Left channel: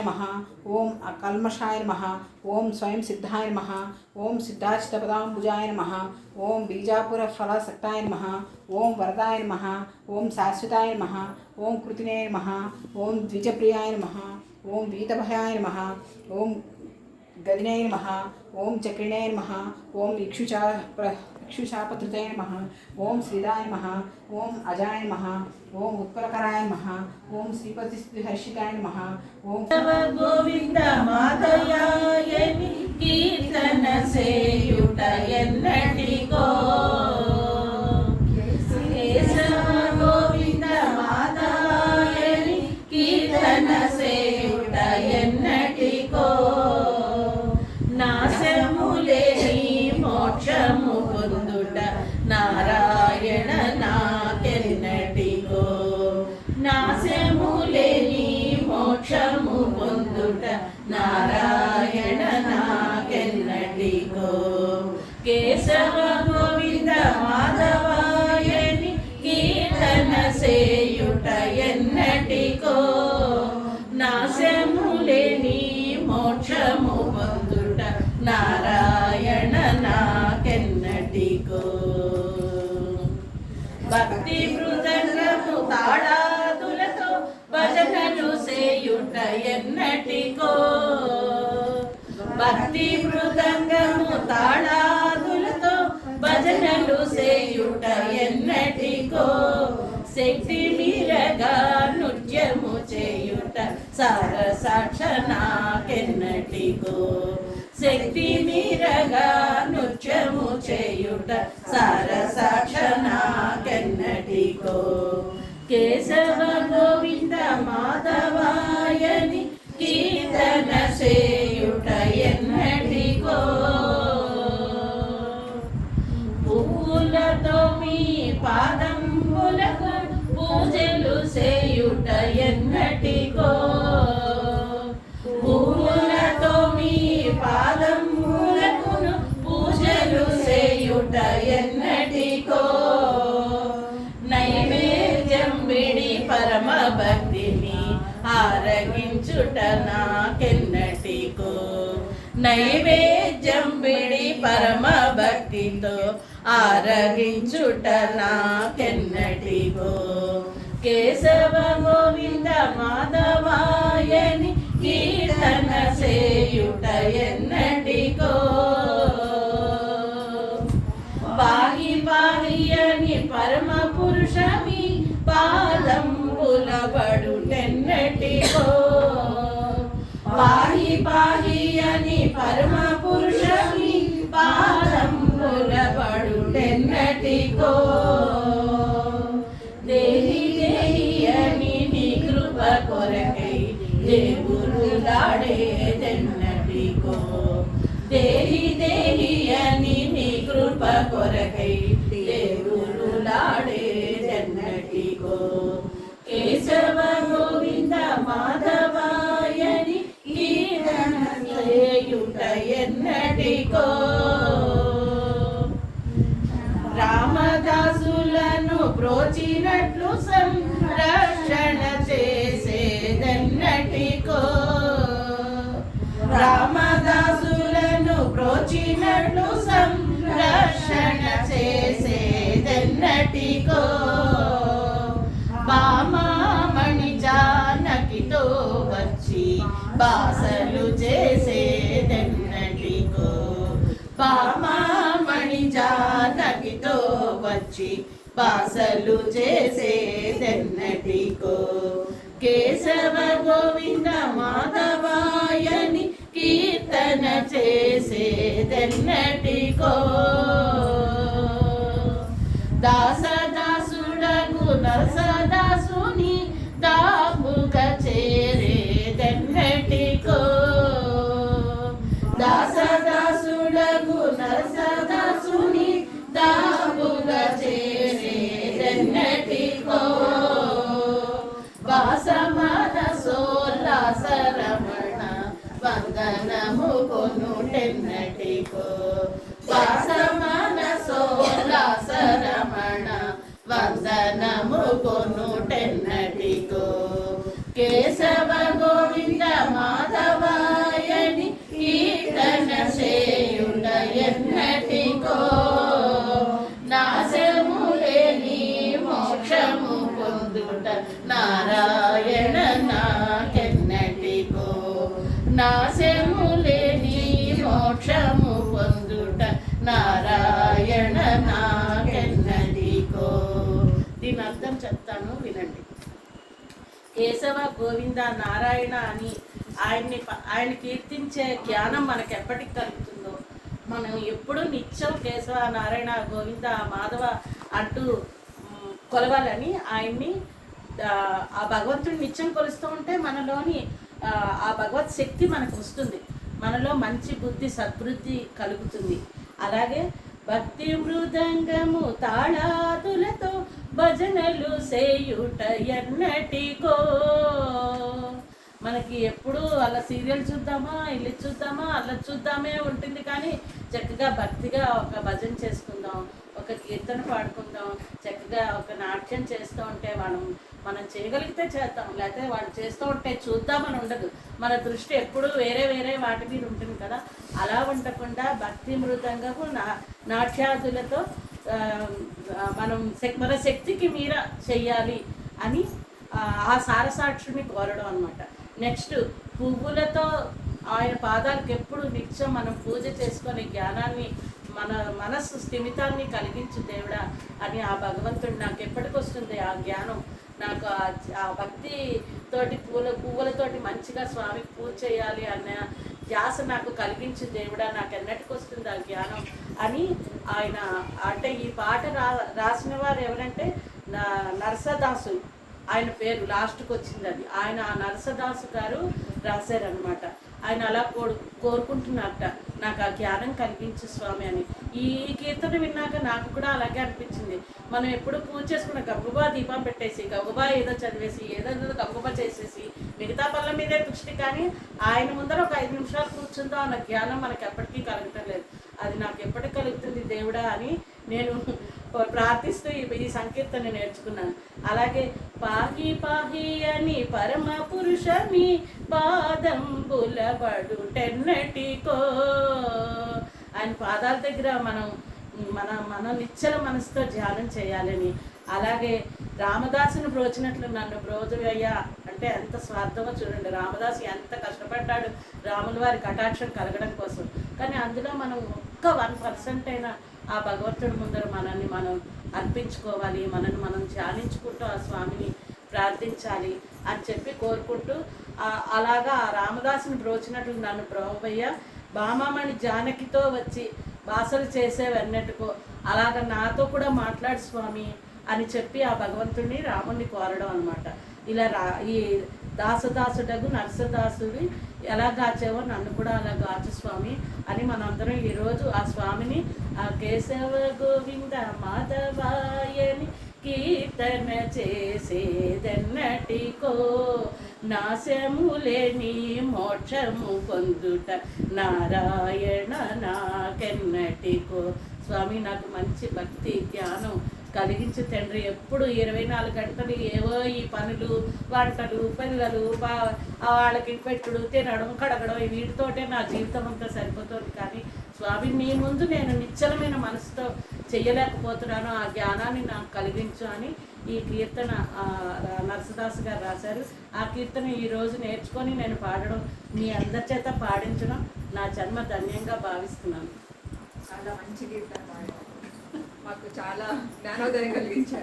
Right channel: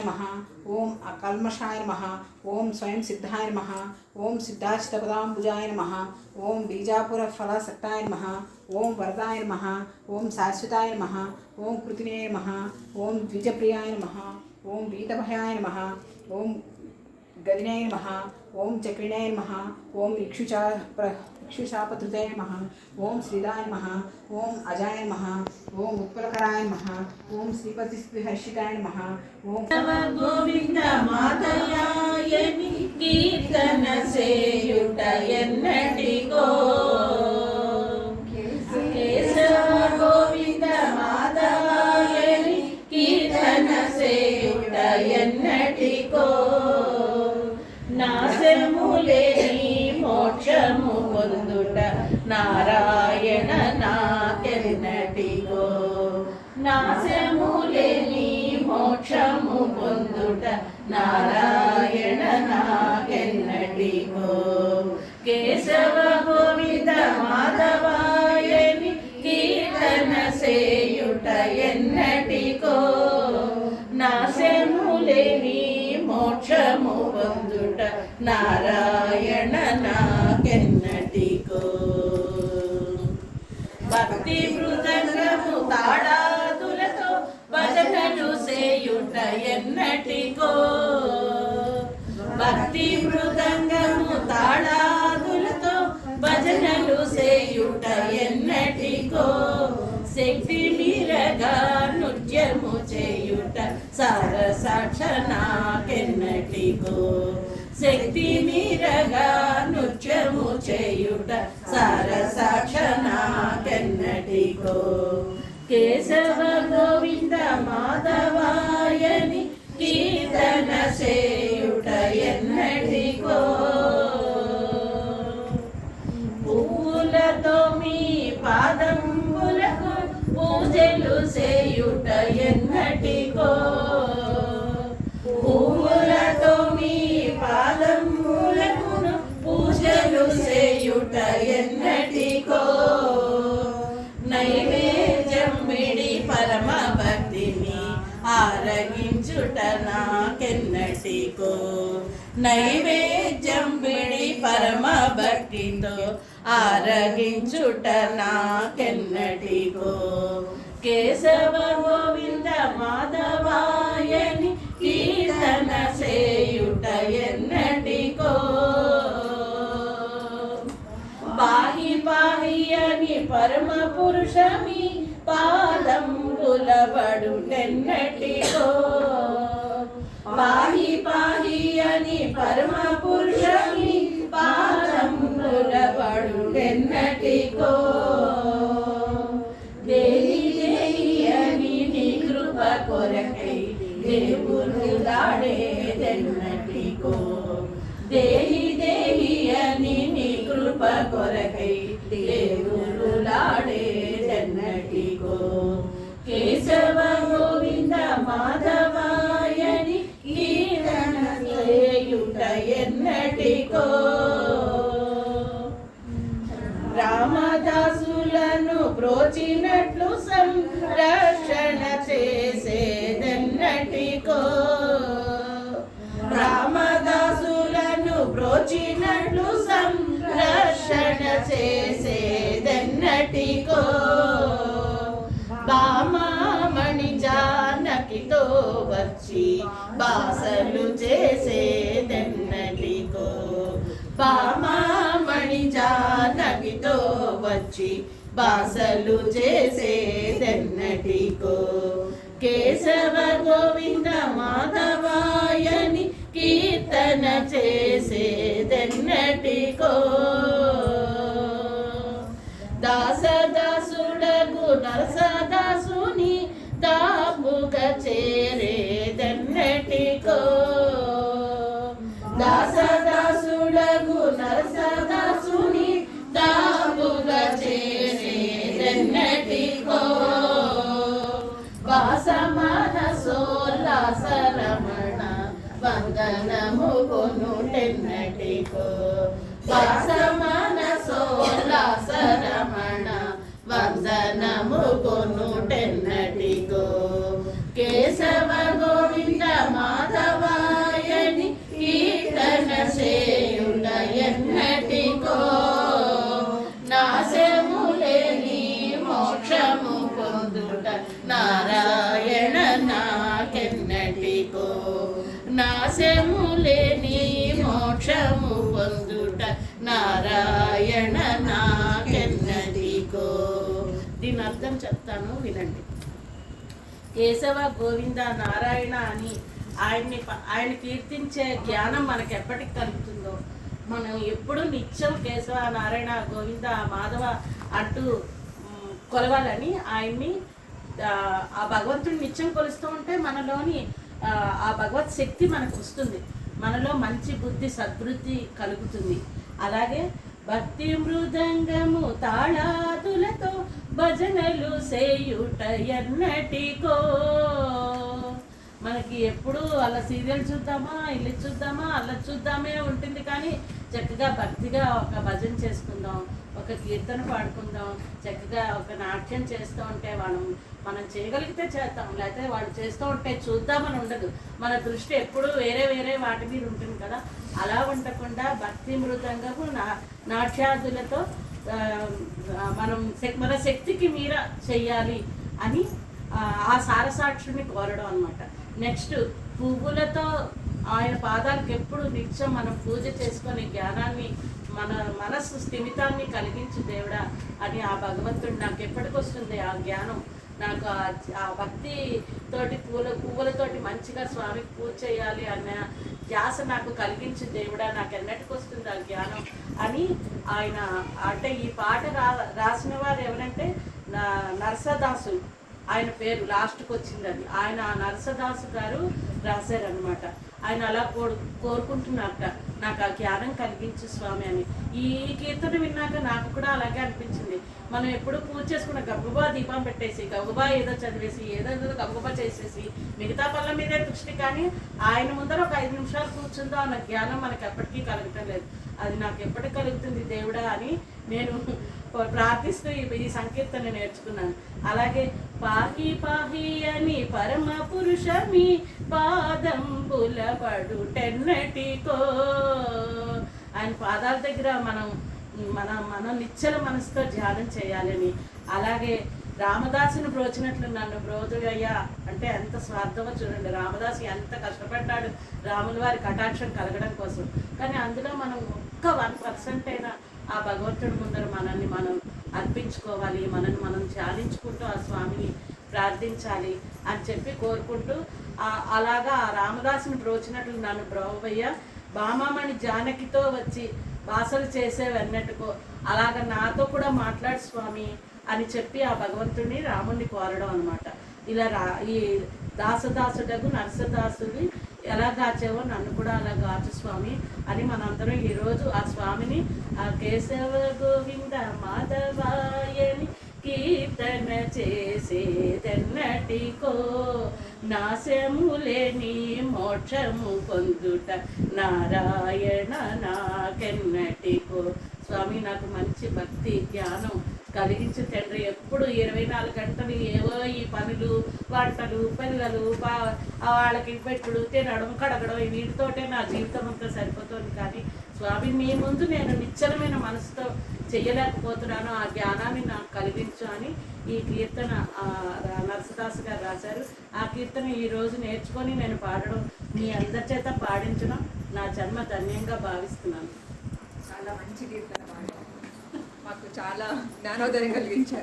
नमः। ओम अकल्मषाय नमः। ओम स्वयं सिद्धाय नमः। ओम सिद्धाचितपदाम्बुजाय नमः। ओम बीजापुर फलसक्ताय नमः। ओम वरदाय नमः। ओम शाश्वताय नमः। ओम कृतिने नमः। ओम द्विजप्रियाय नमः। ओम वीतभयाय नमः। ओम गदिने नमः। ओम चक्रिणे नमः। ओम इक्षुशापधृते नमः। ओम श्रीदाय नमः। ओम अजाय नमः। ओम उत्पलकराय नमः। ओम श्रीपतिहर्षिताय नमः। ओम गोविंद मातयायनि कीर्तन सेयुट एन्नटिको केशव गोविंद मातयायनि कीर्तन सेयुट एन्नटिको नाशमुलेनि मोक्षमु పొందుట నారాయణ నాకెన్నటికో నాశములేని మోక్షము పొందుట నారాయణ నాకెన్నటికో కేశవ గోవింద మాధవాయని కీర్తన సేయుట ఎన్నటికో నాశములేని మోక్షము పొందుట నారాయణ నాకెన్నటికో భక్తి మృదంగము తాళాదులతో భజనలు సేయుట ఎన్నటికో భక్తి మృదంగము తాళాదులతో భజనలు సేయుట ఎన్నటికో శక్తి మీరగా నృత్యము చేయుట సరసాక్ష నాకెన్నటికో శక్తి మీరగా నృత్యము చేయుట సరసాక్ష నాకెన్నటికో కేశవ గోవింద మాధవాయని కీర్తన చేయుట ఎన్నటికో పువ్వులతో మీ పాదంబులకు పూజలు చేయుట ఎన్నటికో పువ్వులతో మీ పాదములకును పూజలు చేయుట ఎన్నటికో నైవేద్యం విడి పరమ భక్తిని ఆరగించుట నాకెన్నటికో నైవేద్యం విడి పరమ భక్తితో ఆరగించుట నాకెన్నటికో కేశవ గోవింద మాధవాయని కీర్తన సేయుట ఎన్నటికో పాహి పాహి అని పరమ పురుషమి పాదంబులబడుటెన్నటికో పాహి పాహి అని పరమ పురుషమి పాదంబులబడుటెన్నటికో దేహి దేహి అని నీ కృప కొరకై దేవుడు లాడేదెన్నటికో దేహి దేహి అని నీ కృప కొరకై దేవుడు లాడేదెన్నటికో కేశవ గోవింద మాధవాయని కీర్తన చేయుట ఎన్నటికో రామదాసులను బ్రోచినట్లు సంరక్షణ చేసేదెన్నటికో రామదాసులను బ్రోచినట్లు సంరక్షణ చేసేదెన్నటికో బామామణి జానకితో వచ్చి బాసలు చేసేదెన్నటికో బామామణి జానకితో వచ్చి బాసలు చేసేదెన్నటికో కేశవ గోవింద మాధవాయని కీర్తన చేసేదెన్నటికో దాసదాసుడగు నరసదాసుని దాపుగా చేరేదెన్నటికో దాసదాసుడగు నరసదాసుని దాపుగా చేరేదెన్నటికో వాసమన సోల్లాసరమణ వందనము కొనుటెన్నటికో వాసమన సోల్లాసరమణ వందనము కొనుటెన్నటికో కేశవ గోవింద మా ఎన్నటికో నాశము లేని మోక్షము పొందుట నారాయణ నాకెన్నటికో. దీని అర్థం చెప్తాను వినండి. కేశవ గోవింద నారాయణ అని ఆయన కీర్తించే జ్ఞానం మనకు ఎప్పటికి కలుగుతుందో, మనం ఎప్పుడు నిత్యం కేశవ నారాయణ గోవింద మాధవ అంటూ కొలవాలని ఆయన్ని ఆ భగవంతుని నిత్యం కొలుస్తూ ఉంటే మనలోని ఆ భగవత్ శక్తి మనకు వస్తుంది, మనలో మంచి బుద్ధి సద్బుద్ధి కలుగుతుంది. అలాగే భక్తి మృదంగము తాళాదులతో భజనలు చేయుట ఎన్నటికో. మనకి ఎప్పుడు అలా సీరియల్ చూద్దామా, ఇల్లు చూద్దామా, అలా చూద్దామే ఉంటుంది, కానీ చక్కగా భక్తిగా ఒక భజన చేసుకుందాం, ఒక కీర్తన పాడుకుందాం, చక్కగా ఒక నాట్యం చేస్తూ ఉంటే మనం చేయగలిగితే చేద్దాం, లేకపోతే వాళ్ళు చేస్తూ ఉంటే చూద్దామని ఉండదు. మన దృష్టి ఎప్పుడు వేరే వేరే వాటి మీద ఉంటుంది కదా. అలా ఉండకుండా భక్తి మృదంగము నాట్యాదులతో మనం మన శక్తికి మీర చెయ్యాలి అని ఆ సారసాక్షుని కోరడం అనమాట. నెక్స్ట్ పువ్వులతో ఆయన పాదాలకు ఎప్పుడు నిత్యం మనం పూజ చేసుకొని జ్ఞానాన్ని మన మనస్సు స్థిమితాన్ని కలిగించు దేవుడా అని ఆ భగవంతుడు నాకు ఎప్పటికి వస్తుంది ఆ జ్ఞానం. నాకు ఆ భక్తి తోటి పువ్వులతోటి మంచిగా స్వామికి పూజ చేయాలి అన్న ధ్యాస నాకు కలిగించు దేవుడా, నాకు ఎన్నటికి వస్తుంది ఆ జ్ఞానం అని ఆయన. అంటే ఈ పాట రాసిన వారు ఎవరంటే నరసదాసు, ఆయన పేరు లాస్ట్కి వచ్చిందని. ఆయన నరసదాసు గారు రాశారనమాట. ఆయన అలా కోరుకుంటున్నారట, నాకు ఆ జ్ఞానం కలిగించు స్వామి అని. ఈ కీర్తన విన్నాక నాకు కూడా అలాగే అనిపించింది. మనం ఎప్పుడు పూజ చేసుకున్న గబ్బుబా దీపం పెట్టేసి గబ్బుబా ఏదో చదివేసి ఏదో గబ్బుబా చేసేసి మిగతా పనుల మీదే దృష్టి, కానీ ఆయన ముందర ఒక 5 నిమిషాలు కూర్చుందో అన్న జ్ఞానం మనకి ఎప్పటికీ కలుగుతం లేదు. అది నాకు ఎప్పటికి కలుగుతుంది దేవుడా అని నేను ప్రార్థిస్తూ ఈ సంకీర్తన నేర్చుకున్నాను. అలాగే పాహి పాహి అని పరమ పురుషని పాదంబుల పడుటెన్నటికో. ఆయన పాదాల దగ్గర మనం నిశ్చల మనసుతో ధ్యానం చేయాలని. అలాగే రామదాసుని బ్రోచినట్లు నన్ను బ్రోచుయ్యా అంటే ఎంత స్వార్థమో చూడండి. రామదాసు ఎంత కష్టపడ్డాడు రాముల వారి కటాక్షం కలగడం కోసం, కానీ అందులో మనం ఒక్క 1% అయినా ఆ భగవంతుడి ముందర మనల్ని మనం అర్పించుకోవాలి, మనల్ని మనం ధ్యానించుకుంటూ ఆ స్వామిని ప్రార్థించాలి అని చెప్పి కోరుకుంటూ అలాగా ఆ రామదాసుని బ్రోచినట్లు నన్ను బ్రహ్మయ్య బామామణి జానకితో వచ్చి బాసలు చేసేవన్నట్టుకో అలాగ నాతో కూడా మాట్లాడు స్వామి అని చెప్పి ఆ భగవంతుడిని రాముడిని కోరడం అనమాట. ఇలా ఈ దాసదాసుడగు నరసదాసుడి ఎలా గాచావో నన్ను కూడా అలా గాచు స్వామి అని మనందరం ఈరోజు ఆ స్వామిని ఆ కేశవ గోవింద మాధవాయని కీర్తన చేసేదెన్నటికో. నాశము లేని మోక్షము పొందుట నారాయణ నాకెన్నటికో. స్వామి నాకు మంచి భక్తి ధ్యానం కలిగించి తండ్రి. ఎప్పుడు 24 గంటలు ఏవో ఈ పనులు వంటలు పిల్లలు వాళ్ళకి పెట్టుడు తినడం కడగడం వీటితోటే నా జీవితం అంతా సరిపోతుంది, కానీ స్వామి మీ ముందు నేను నిశ్చలమైన మనసుతో చెయ్యలేకపోతున్నాను, ఆ జ్ఞానాన్ని నాకు కలిగించు అని ఈ కీర్తన నరసదాసు గారు రాశారు. ఆ కీర్తన ఈరోజు నేర్చుకొని నేను పాడడం, మీ అందరి చేత పాడించడం నా జన్మ ధన్యంగా భావిస్తున్నాను. చాలా మంచి కీర్తన పాడారు, మాకు చాలా జ్ఞానోదయం కలిగించారు.